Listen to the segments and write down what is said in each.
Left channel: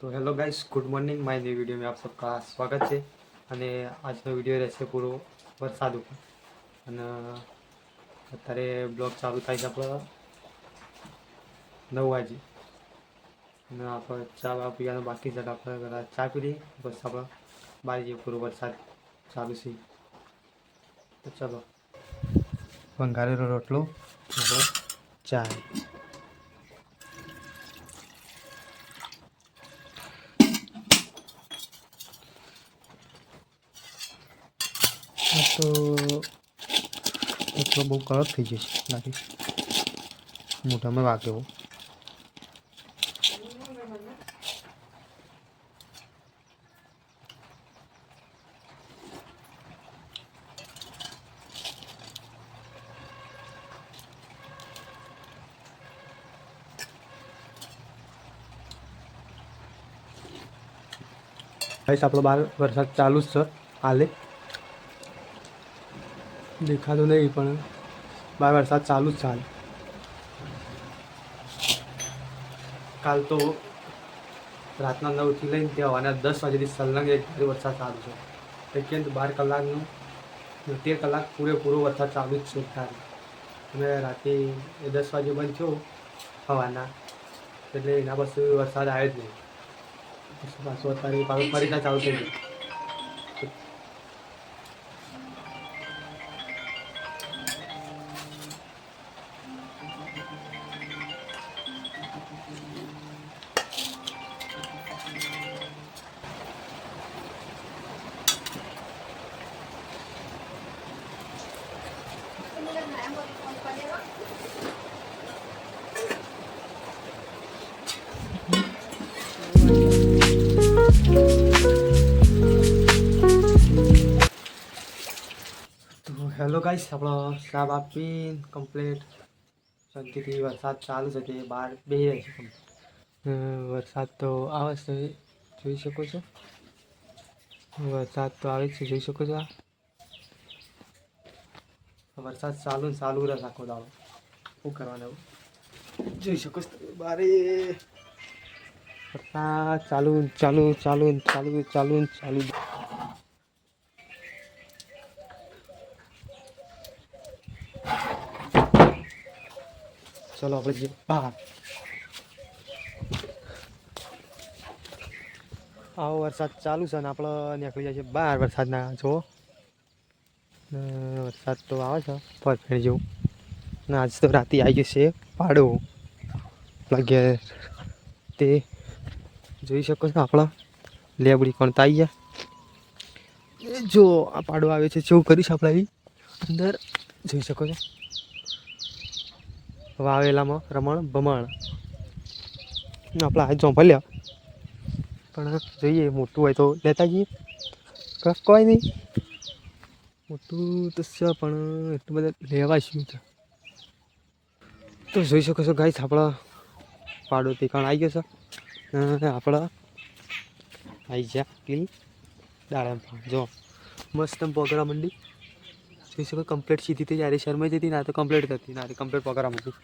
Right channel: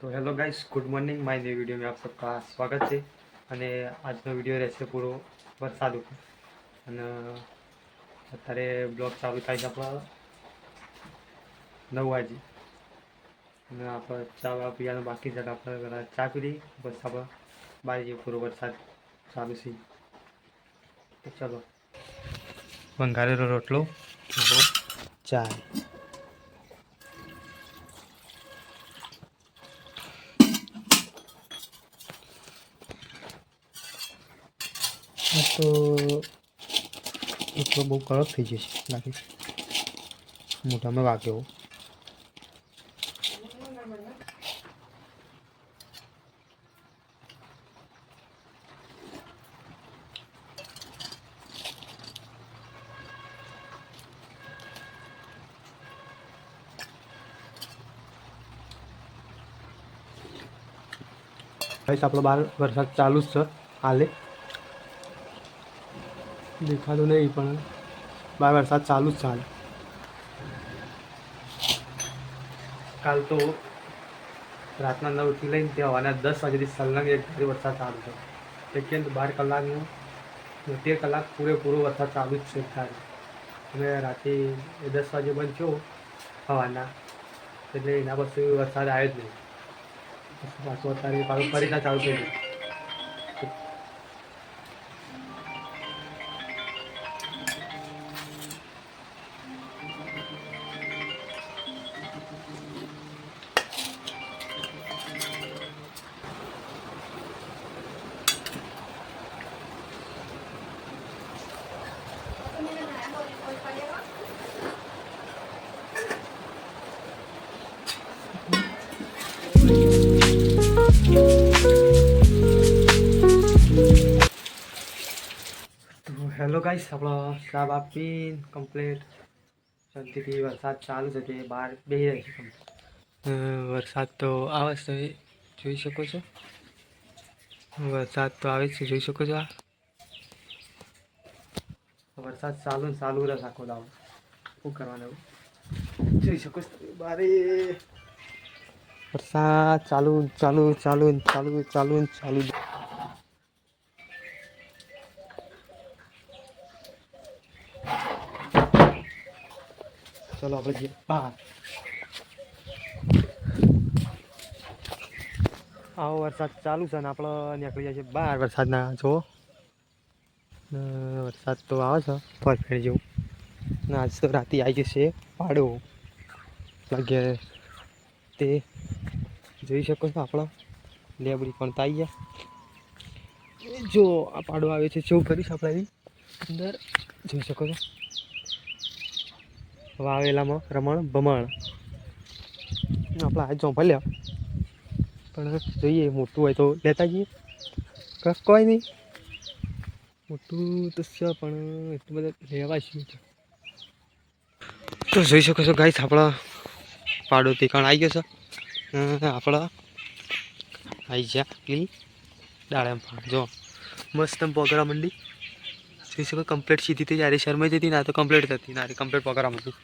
तो hello guys, good morning. My new video में आप सबका स्वागत है। અને આજનો વિડીયો રહેશે પૂરો વરસાદ ઉપર અને અત્યારે બ્લોગ ચાલુ થાય છે આપણો 9 વાગે અને આપણે ચા પીવાનું બાકી છે. આપણે પહેલાં ચા પી લઈએ, બસ આપણે બારીએ પૂરો વરસાદ ચાલુ છે. તો ચાલો, વંગારેલો રોટલો, આપણો ચા. તો એટલો બહુ કડક થઈ જશે લાગે, મોઢામાં વાગે એવો. ભાઈ આપણો બહાર વરસાદ ચાલુ જ છે હાલે, દેખાતો નહીં પણ બહાર વરસાદ ચાલુ જ છે હાલ. કાલ તો રાતના 9થી લઈને તે હવાના 10 વાગ્યાથી સલંગ એક ધારે વરસાદ ચાલુ છે. એટલે 12 કલાકનો 13 કલાક પૂરેપૂરો વરસાદ ચાલુ જ છે ત્યારે. અને રાતે 10 વાગે બંધ થયો હવાના, એટલે એના પછી વરસાદ આવ્યો જ નહીં. પછી પાછું અત્યારે પાછું ફરીથી ચાલુ થઈ ગયું. તો હેલો ગાઈસ, આપણો ચા આપીને કમ્પ્લીટ શાંતિથી વરસાદ ચાલુ છે તે બહાર બેસી રહી છે. વરસાદ તો આવે છે, જોઈ શકો છો. વરસાદ તો આવે છે, જોઈ શકો છો. આ વરસાદ ચાલુ રહે આખો દાડો. શું કરવાનું જોઈ શકો છો બારે વરસાદ ચાલુ. ચલો આપણે જઈએ બહાર. આવો વરસાદ ચાલુ છે ને આપણે નીકળી જાય છે બહાર વરસાદના. જો વરસાદ તો આવે છે પરફેક્ટ જેવું. ને આજ તો રાતે આવી જશે પાડો લાગે તે જોઈ શકો છો. આપણા લેબડી પણ તો આવી ગયા. જો આ પાડો આવે છે, જેવું કરીશ આપણે અંદર જોઈ શકો છો. વાવેલામાં રમણ ભમણ આપણે આ ચોંપલ્યા, પણ જોઈએ મોટું હોય તો લેતા જઈએ. કોઈ નહીં, મોટું તો છે પણ એટલું બધા લેવા શું છે. તો જોઈ શકો છો ગાઈસ, આપણા પાડો તીખાણ આવી ગયો છે. આપણા આવી ગયા પેલી દાડમ જો મસ્ત પકડા મંડી. જોઈ શકો કમ્પ્લીટ સીધી થઈ જાય. શરમાઈ જતી ના તો કમ્પ્લીટ થતી ના કમ્પ્લીટ પકડા મંડી.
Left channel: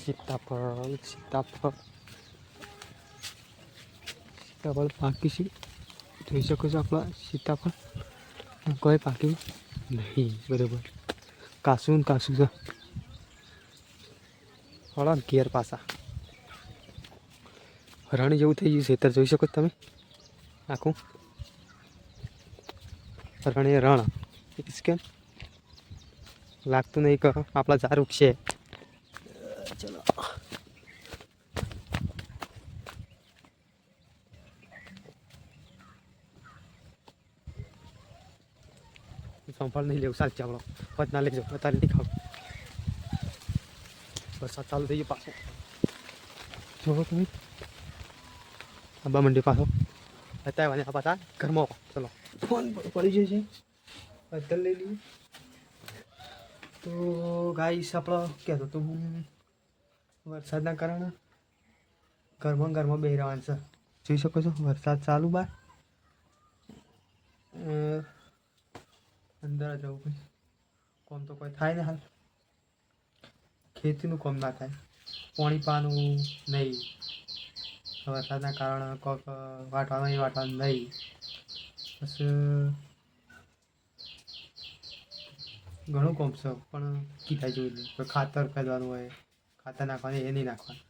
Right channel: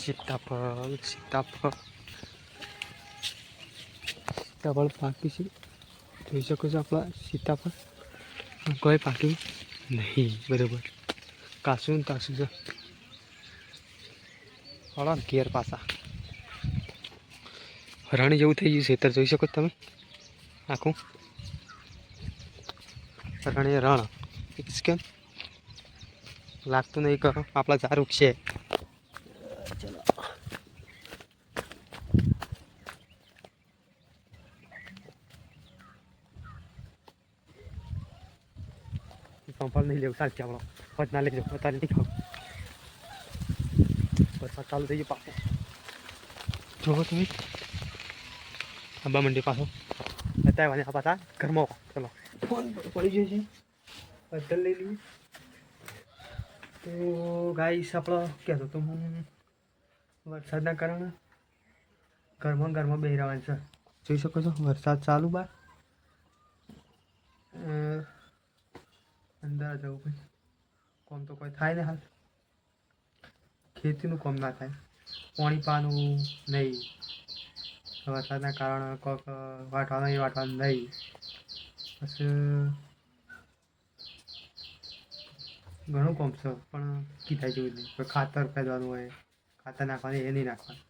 સીતાફળ પાકી છે, જોઈ શકો છો. આપણા સીતાફળ કોઈ પાક્યું નહીં બરાબર. કાસું છે થોડા ઘેર પાસા રણ જેવું થઈ ગયું છે. ખેતર જોઈ શકો તમે, આખું રણ કેમ લાગતું નહીં. કરો આપણા ઝારૂક છે. ચલો સંભાળ નહીં લેવું સાચી આપણો પત ના લેજો અત્યારે નથી ખાવ. વરસાદ ચાલુ થઈ ગયો પાછો, જોવો તમે આંબા મંડી પાછો અત્યારે આ પાછા ઘરમાં. ચલો ફોન પડી ગયો છે, બદલ લઈ લઈએ. તો ગાઈસ આપણો કહેતો તો હું વરસાદના કારણે ઘરમાં બેસી રહેવાનું છે. જોઈ શકો છો વરસાદ ચાલુ બહાર. અંદર જવું ભાઈ, કોમ તો કોઈ થાય ને હાલ. ખેતીનું કામ ના થાય, પાણી પાનું નહીં. વરસાદના કારણે કોઈક વાટવાનું એ વાટવાનું નહીં. પછી ઘણું કોમ છે પણ કીધા જેવું નહીં. કોઈ ખાતર ખરીદવાનું હોય, ખાતર નાખવાનું એ નહીં નાખવાનું.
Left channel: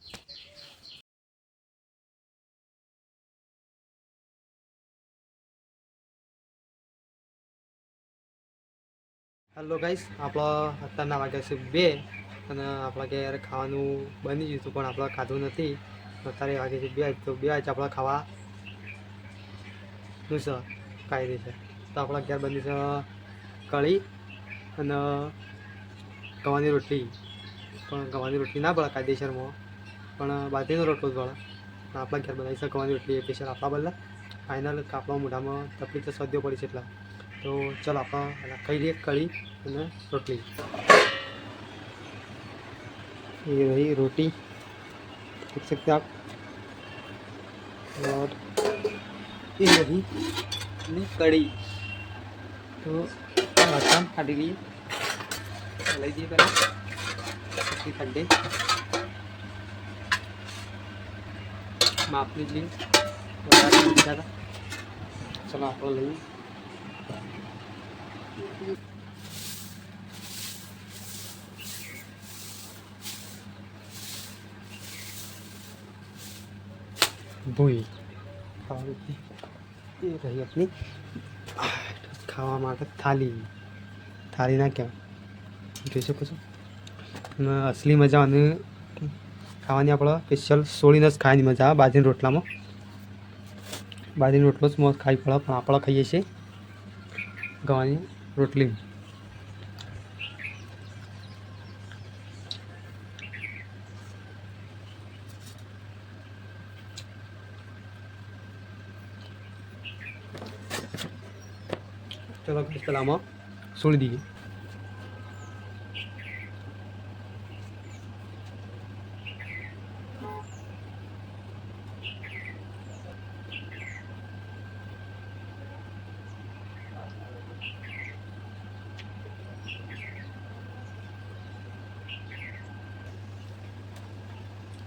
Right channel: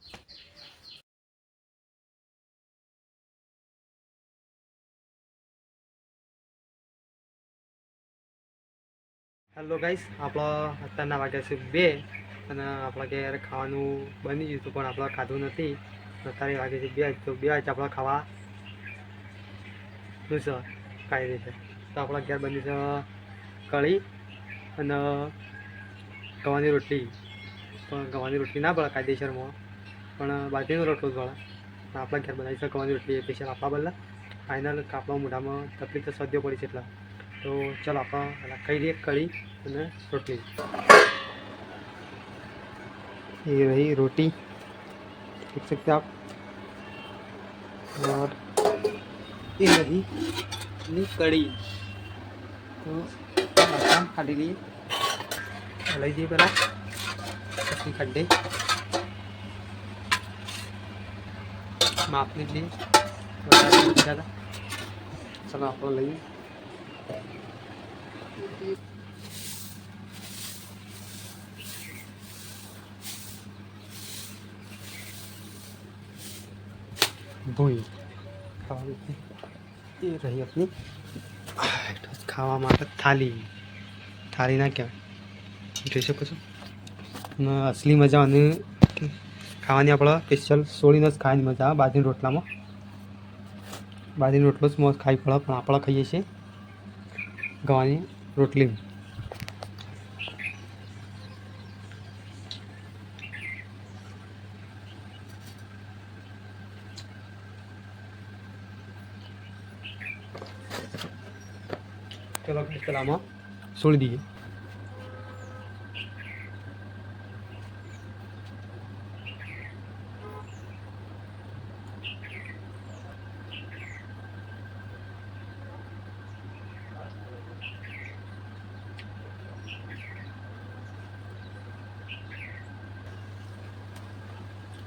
હેલો ગાઈસ, આપણા અત્યારના વાગ્યા છે 2 અને આપણા ઘેર ખાવાનું બની ગયું હતું પણ આપણે ખાધું નથી. અત્યારે વાગે છે 2 તો 2 વાગે આપણે ખાવાનું છે કાંઈ રીતે. તો આપણા ઘેર બની છે કઢી અને ગવાની રોટલી. પણ ગવાની રોટલી ના પડે કાયદેસરમાં, પણ બાજરીનો રોટલો જ પડે. આપણા ઘેર બનાવી છે ગવાની રોટલી સ્પેશિયલ આપણા બદલા. ફાઇનલ આપણા મોઢામાં તકલીફ તો સદ્યો પડી છે એટલા. તો ચાલો આપણે ખાઈ લઈએ કઢી અને રોટલી. ये रही रोटी, देख सकते आप, और ये रही अपनी कढ़ी. तो आसान काटी लिए लई दिए पहला પછી ખડ્ડે માપની જ લઈએ વધારે નથી જતા. ચલો આપણે લઈએ. ભૂલ ખાવા એ રહી આપની ખાવા માટે થાળી ના કહેવાય, જોઈ શકો છો. અને અસલી મજા અને ખાવાની આપણે સ્પેશિયલ સોળીને જ ખાવાની મજા આવે. બાજરીના રોટલામાં બાજરીનો રોટલો જ મોજ ખાઈ પડે, પણ આપણે ખાઈએ છીએ ગવાની રોટલી. चलो सलामा छोड़ दीजिए.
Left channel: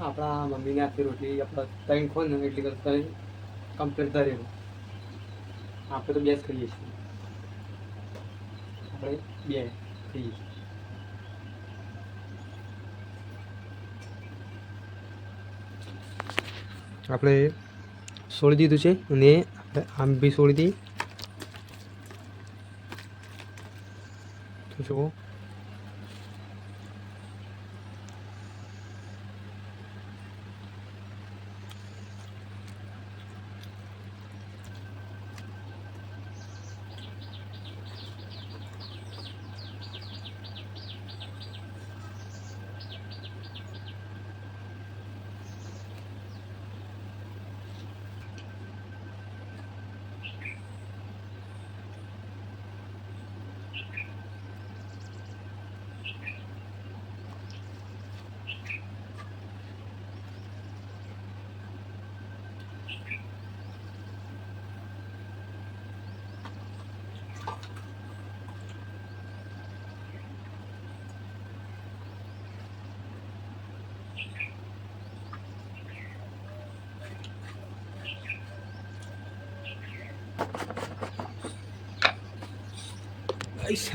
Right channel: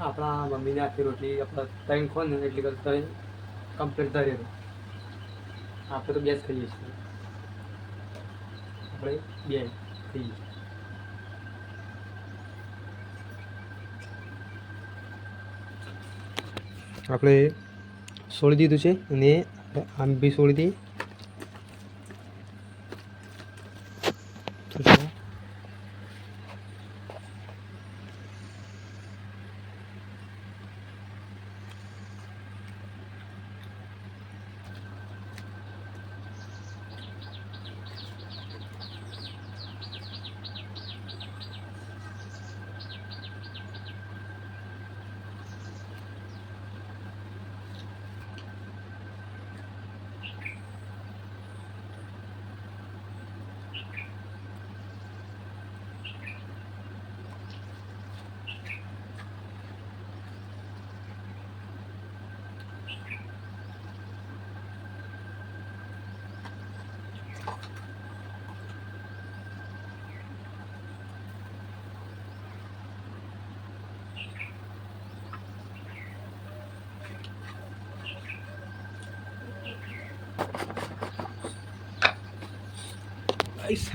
આપણા મમ્મીને આખી રોટલી આપણે ત્રણ ખો ને એટલી કરતા કમ્પ્લીટ ધરેલું. આપણે તો બે જ ખાઈએ છીએ, આપણે બે ખાઈએ. આપણે છોડી દીધું છે અને આમ બી છોડી દઈએ.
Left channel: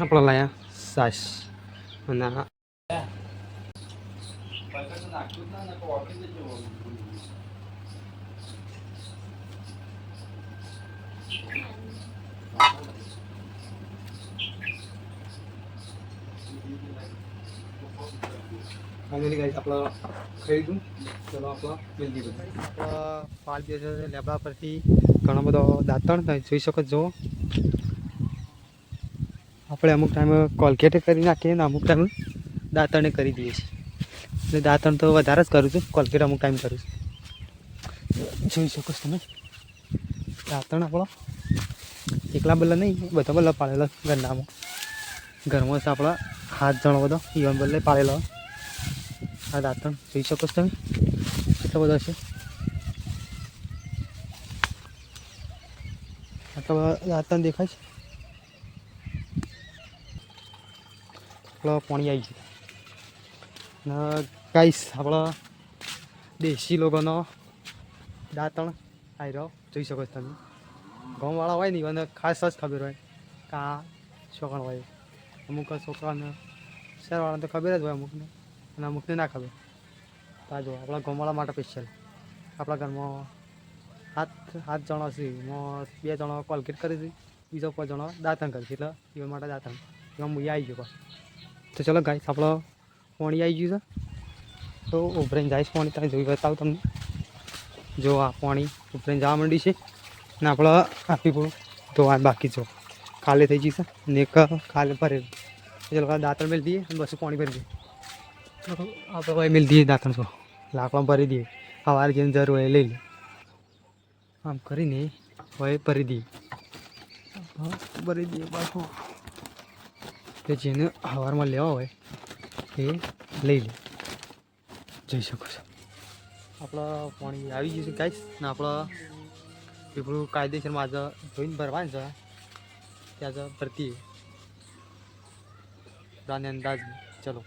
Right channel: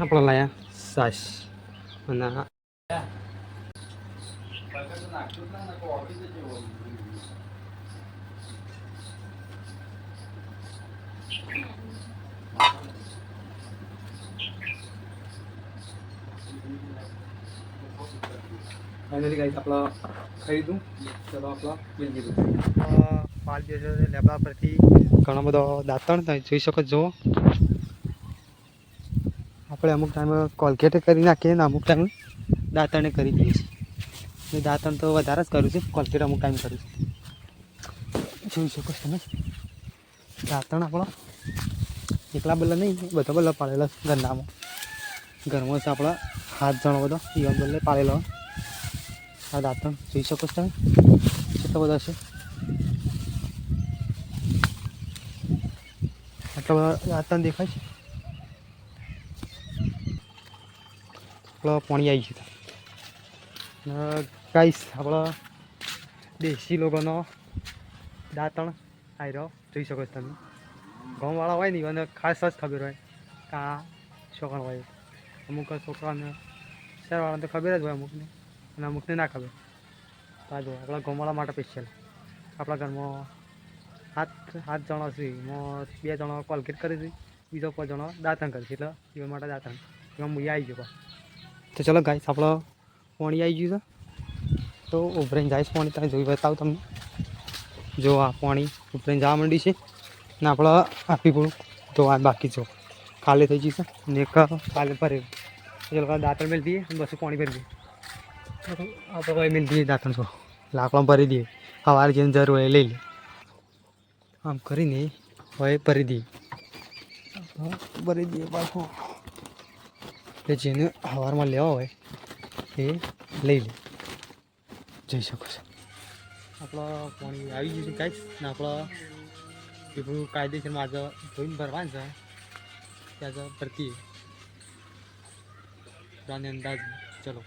આપણે લાયા સાસ અને ફાઇનલી ગાઈસ આપણે ખાઈ લીધું. ચલો આપણે મિલ દીધું. પાલ બે લેબડા પરથી ઘણો બધો દાંતણ તમે જોઈ શકો છો. આપણે અમુક ટાઈમ કોલગેટ કરી નાખીએ ને અમુક ટાઈમ દાંતણે કરી દઈએ છીએ. એટલે દાંતણ તો વધારે જ કરું છું, કોલગેટ અમુક ટાઈમ કરું છું. જોઈ શકો છો તમે. દાંતણ આપણો એકલા બલ્લા નહીં, બધા બલ્લા પાડેલા ઘરનામાં. ઘરમાં છે આપણા 7 જણો બધો ઈવન બલ્લે પાડેલો. આ દાંતણ જોઈ શકો છો તમે કેટલો બધો છે. આટલા બધા દાંતણ દેખાય છે. પાણી આવી ગયું. ગાઈસ આપણા દેશી લોકોનો દાંતણ આવી રહ્યો જોઈ શકો છો તમે. ગામવાળા હોય ને અને ખાસ જ ખબર હોય કે આ છોકરા હોય. અમુક છોકરાને શહેરવાળાને તો ખબર જ હોય અમુકને, અને અમુકને ના ખબર. તો જો આપણા ગામવાળા માટે સ્પેશિયલ આપણા ઘરમાં 7 જણા છે. એમાં 2 જણા કોલગેટ કરી હતી, બીજો 5 જણા દાંતણ કરી છે. એટલે એ માટે દાંતણ એમાં હું આવી ગયો. તો ચલો ગાઈસ આપણો પાણી આવી ગયું છે. તો ઉભરાઈને જાય પાણી તમે જોઈ બતાવું તમને. જો આ પાણી ઉભરાઈને જવા માંડ્યું છે ને આપણે આપી પૂરું ધોવા બાકી જો ખાલી થઈ જશે ને એક ખાલી ભરે એ લોકો દાંતણ મેળ દઈએ અને બસ પાણી ભરી દઈએ. આપણે ભાઈ મેળ દઈએ દાંતણ છો લાકડા ભરી દઈએ. સવારે જેને જરૂર હોય લઈ લે. આમ કરીને હવે ભરી દઈએ. ભરી દઈએ પાછું કે જેને સવારમાં લેવા હોય એ લઈ લે. જઈ શકો છો. આપણા પાણી આવી ગયું છે ગાઈસ ને આપણે પીપળું કાયદેસરમાં આજે જોઈને ભરવાનું છે. ત્યાં ભરતી રાને અંદાજ. ચલો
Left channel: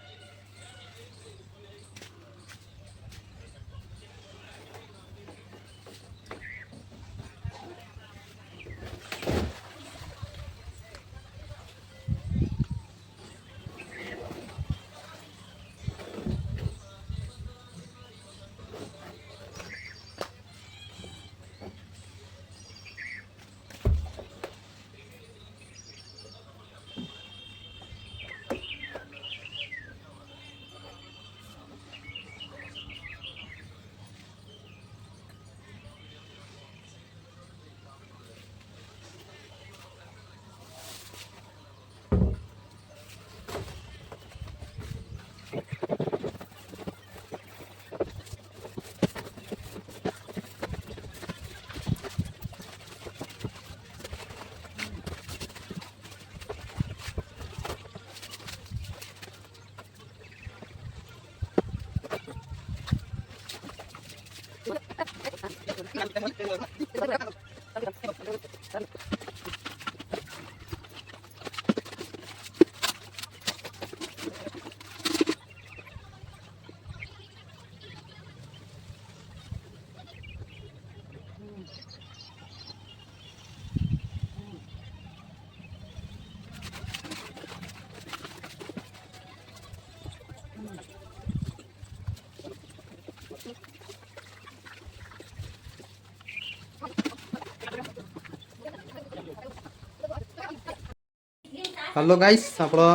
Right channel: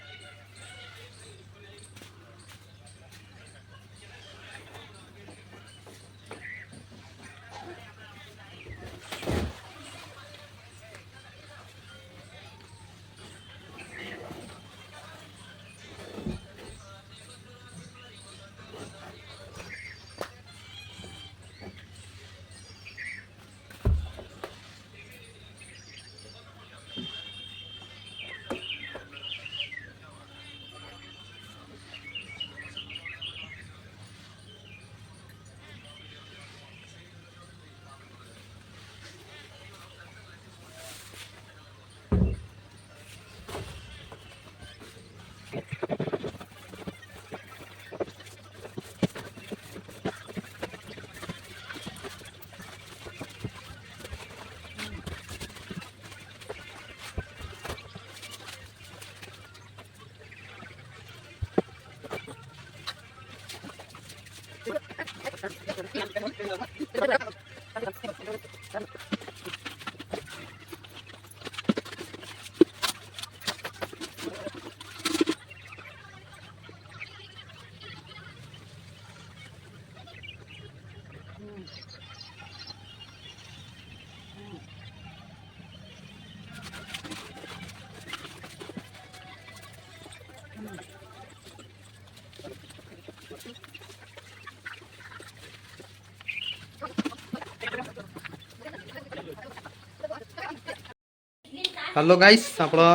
હલો ગાઈસ આપણો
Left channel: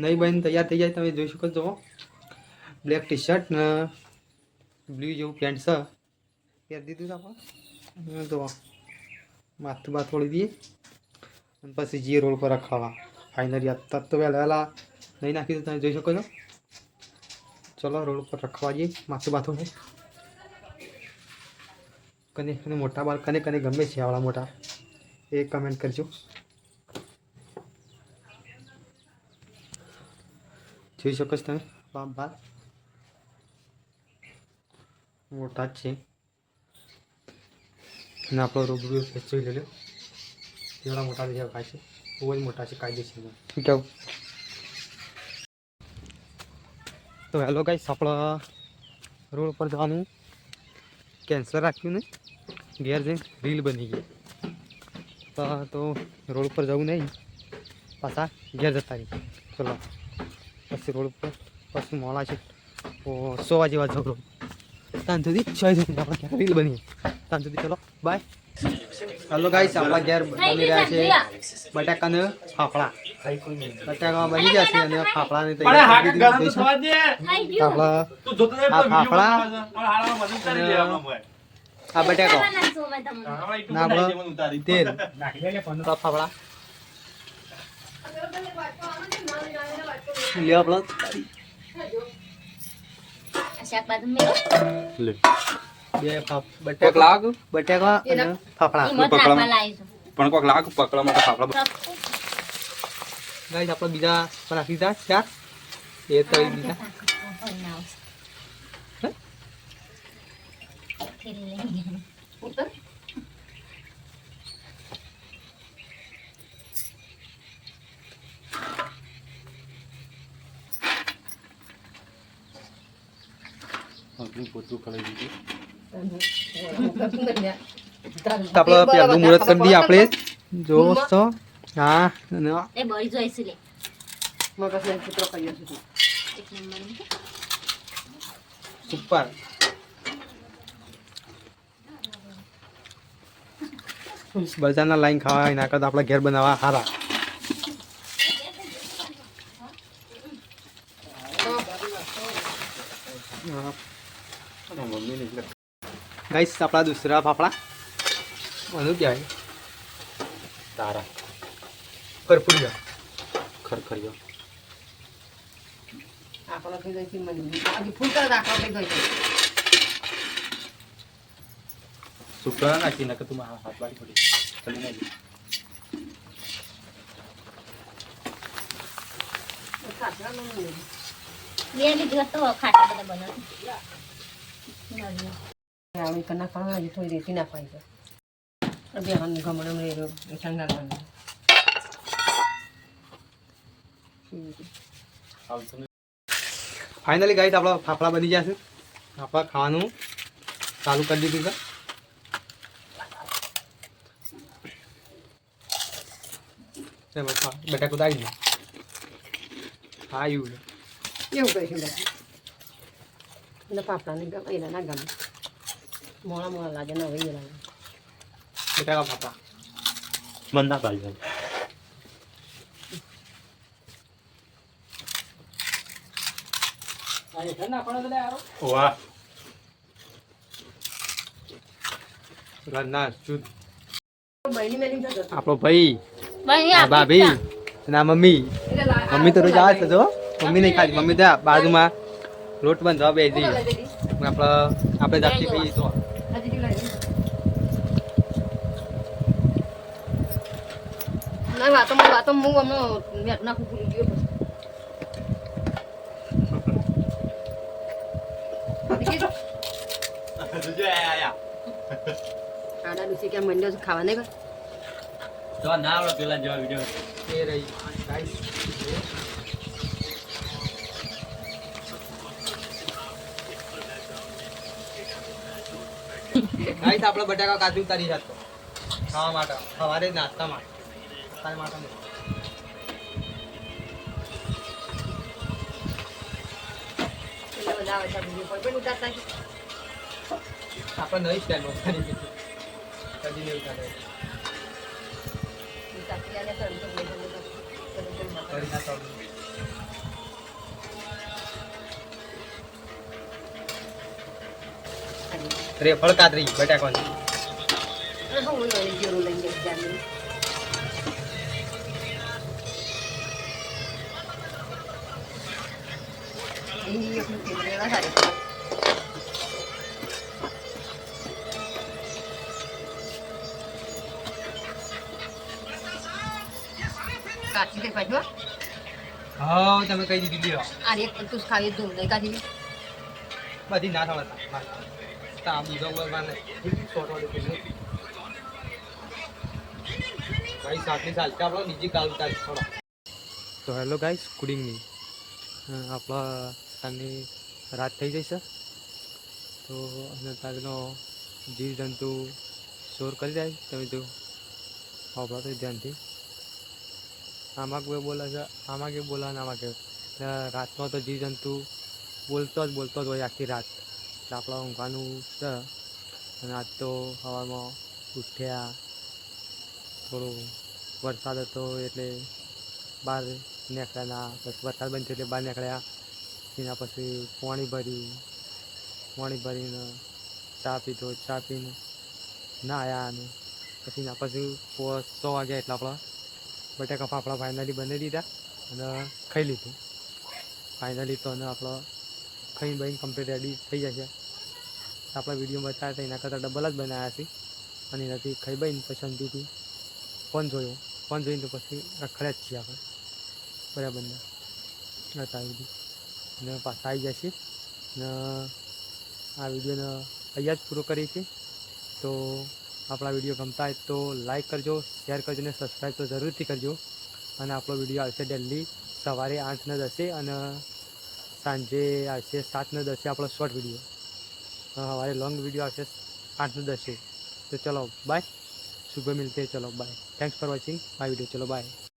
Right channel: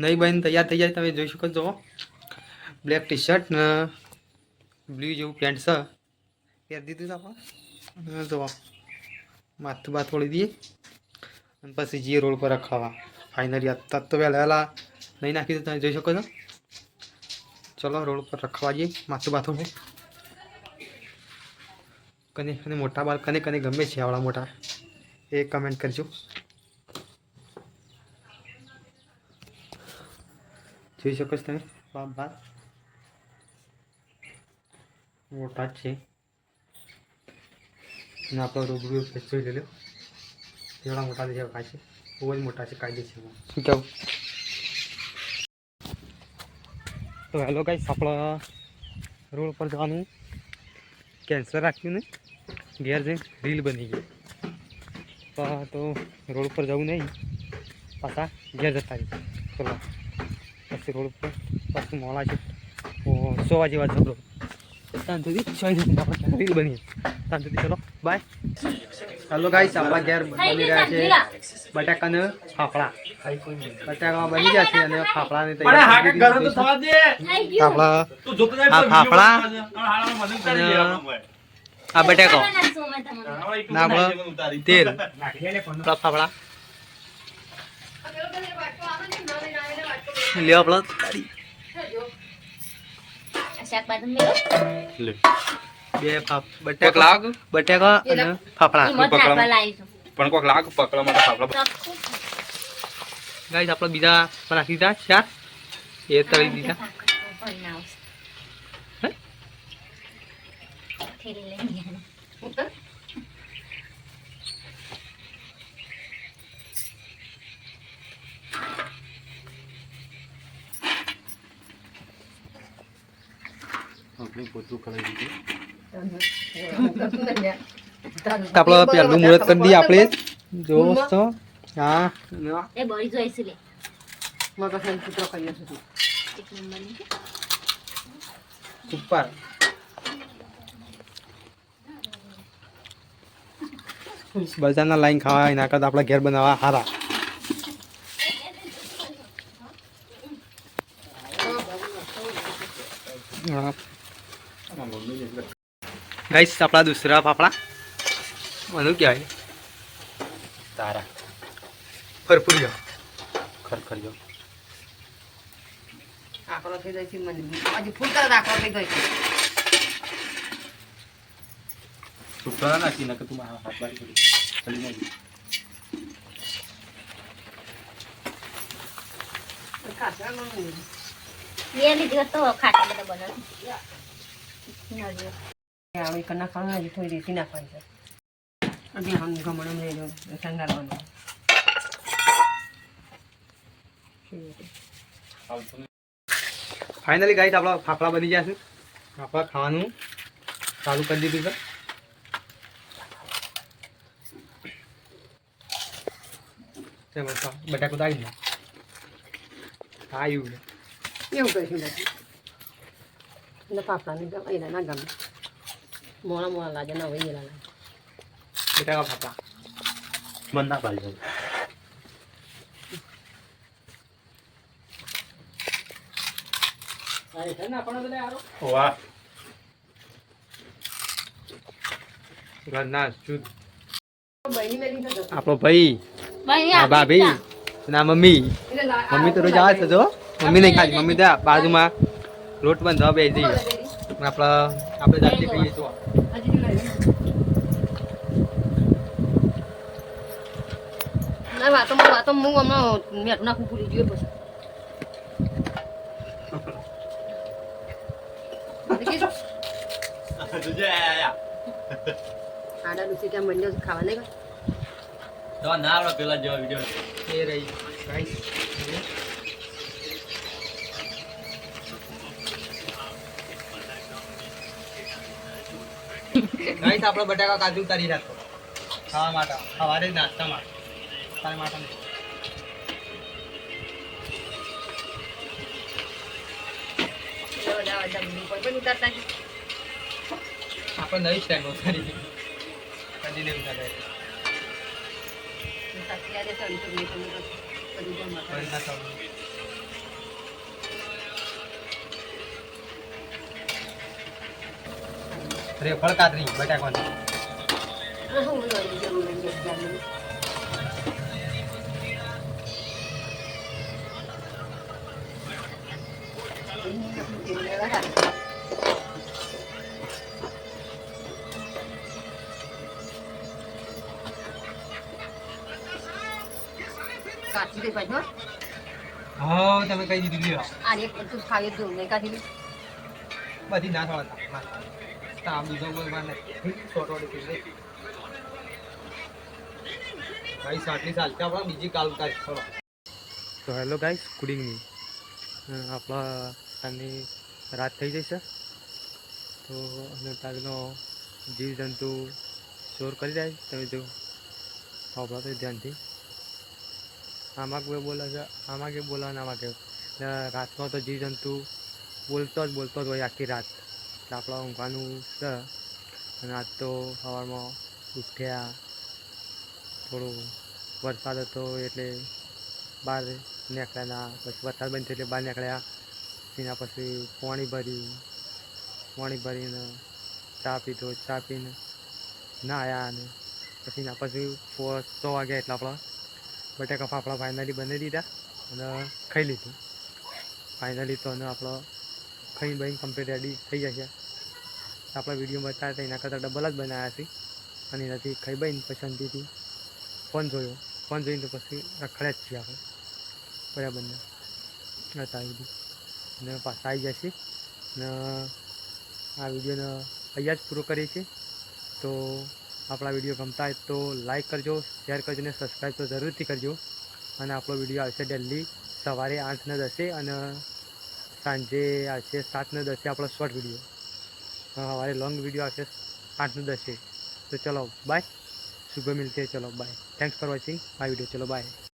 નહીં બની તૈયાર થઈ જાય તમે જોઈ શકો છો. બ્લેક ટી શર્ટ ને બ્લુ જેવું પેન્ટ છે પહેરી દીધું છે આપણે. જો માથું બાથ વળી દઈએ અને પછી જઈએ રોડ પર રખાવા. ફાઇનલી અત્યારે તો વહેલા નહીં નાખી દઉં તમે જોઈ શકો છો. ચલો રોડ પર રખવા જઈએ માથું બાથું. કને મોટા બાળ કને ગમે છે આવડા મોટા એ કમેન્ટ કરજો. જોઈ શકો છો તમે બાર મોટા જ છે ને આપણો રૂબરૂ જોઈ લેજો કેવડા મોટા દેખાય છે. બહુ જ મોટા છે કાયદેસરમાં. શું કહું? તો હેલો ગાઈસ આપણા રોડ પર જવાનું કેન્સલ રાખ્યું ને ઘેર જઈને રીલ બની ગઈ. તો રોડ પર જવું નહીં પાછા ઘેર જતા રહી. ચલો પછી રોડ પર પાછું મોડા છે 100 વાગે ઝઘડો ત્યાં સુધી 6 સુધી આપણે રીલ બની ત્યાં સુધી ચલો બાય. હેલો ગાઈસ આપણા ઘેર બની રહ્યા છે બટાકાના ફાફડા. બટાકા બની ગયા છે અને ફાફડાની તૈયારી આપણા આ ફાફડા અને આ બટાકો ના આપણો તેલ ફાફડા લે આપણો બે બટાકા અને ફાફડા પણ કોક લાગ પકડવા માટે ફાફડા ગાઈસ આપણે બીજા પણ નાખી દીધા ચાર એ તળી દીધા. પોતું કરાવી દીધું. આપણો પહેલું મુહૂર્ત કરી દઈએ આપણે જો તો હા એ બળી જાય છે લે સુપર બજારના લાઈન ખાવા એના કરતા આપણે ઘેર બનાવવા સારા ગાઈસ આપણા દૂસરા ફાફડા શું કહેવાય તારા ખરફુડિયો ખરખરિયો આકડો થઈ જાય છે મને આજે ફૂલ તરત આકડો થઈ જાય છે સુપરા નાખી નાખ તું હાથ બારી પડી ચલી નાખી ખાસા નો બે લીધી તો ખાટા બધા બનાવી આમી કના ખાવા આજે થોડી દેસી નાખવાની છે અબે હમ ગમણ મે સંગારવાનો ફાઇનલી ગાઈસ આપણા ફાફડા બની ગયા છે આપણે ખાવાનું ચાલુ કરી દીધું છે બટાકું દાવી દે હા એવું એવું કહીશું બાકી એટલે પાપડાને ગમે એના ના ગમે મોડા મોડા લાગે ના વહી લાગે બટાકા ફાફડા મન ના પાડી વાહ ઘરના શુદ્ધ બહેની મેલી જતો આપણો ભાઈ આ ભાભી અને આ મમ્મી મમ્મી તો રોજ આવે છે જો મમ્મી નહીં ખાલી મમ્મી ત્યાં બાજુમાં લોટ બાંધવા બે જઈએ આપણે જાતે ખાઈએ તો ના વાતો હું હમણાં મેં નાખું ભૂલી ગયો આડા ડૂસી ક્યાં મંડ્યો છે ખાવા નહીં તો ના આવડે પેલા જેવા વિડિયો એ રહી ગાઈસ ગાઈસ આપણે બટાકા કાજુ ઉતારી રાખો ખાવા માટે સવારે નાસ્તા માટે તારે માટે નહીં આપણે નવી સ્ટાઈલ ઉતારી દીધી કદી નહીં ઉતારે રેફળ કાતરી બટાકાની કાચી દે પાછો હા તમે કઈ દીધી લ્યો આ એક તું ખાઈ દઉં લઈ કાઢી બધી ના થવા તા બીજો કોઈ માને છોટો દે ભાઈ સાટલી ચાલતા આપણે બીજી કાલ ઉતારી થોડા તો હેલો ગાઈસ ગુડ ઇવનિંગ આપણા સાંજની રાત થઈ જશે તો અને તારનો જીવજંતુ શોર કરી જાય તમે જો આપણા તો ધ્યાનથી આમાં કોઈ બોલે છે આમાં કે બોલા આમાં કે રાતમાં તો જીવજંતુ બોલતો જ હોય આખી રાત એટલે આપણે ઊંઘવાનું છે અને આજ તો સવારમાં ઉઠ્યા થોડું વરસાદ હતો એટલે બહાર નીકળ્યા પછી વરસાદ બંધ થયો એટલે બહાર નીકળ્યા એના પછી પાણી ભરીને ચા પીધો ચા પીને નાહ્યા અને પછી એના પછી 6 વાગ્યા એટલે આપણા બટાકા ફાફડા ફાઇનલી બનાવી દીધા અને ખાઈ લીધું ફાઇનલી તો અને આપણો ખાઈ બહીને કમ્પ્લીટ રેડી થઈ જશે આપણા વિડીયો બતાવ્યા હતા એના કરતાં ડબલ જ બનાવ્યા છે અને એનાથી ખાઈ બહીને પછી શાંતિથી ફોન જોઈને તો પછી રખડ્યા જ છીએ આપણે બરાબરના હતા બધી અને પાછા આવી જશે અને આ વિડીયોને અહીંયા જ પૂરો કરીએ છીએ તો આપણા વિડીયો ગમતા હોય તો લાઈક કરજો શેર કરજો અને સબસ્ક્રાઈબ તો જરૂરથી કરજો અને આપણો વિડીયો આવશે ડેલી સવારે 8 ને 10 અને સાંજે આવશે 7 ને 10 આપણો શોર્ટ વિડીયો સવારે લોંગ વિડીયો આવશે 8 से 10 है। तो चलो बाय, सुबह मिलते हैं, चलो bye, thanks for watching my video, चलो बाय।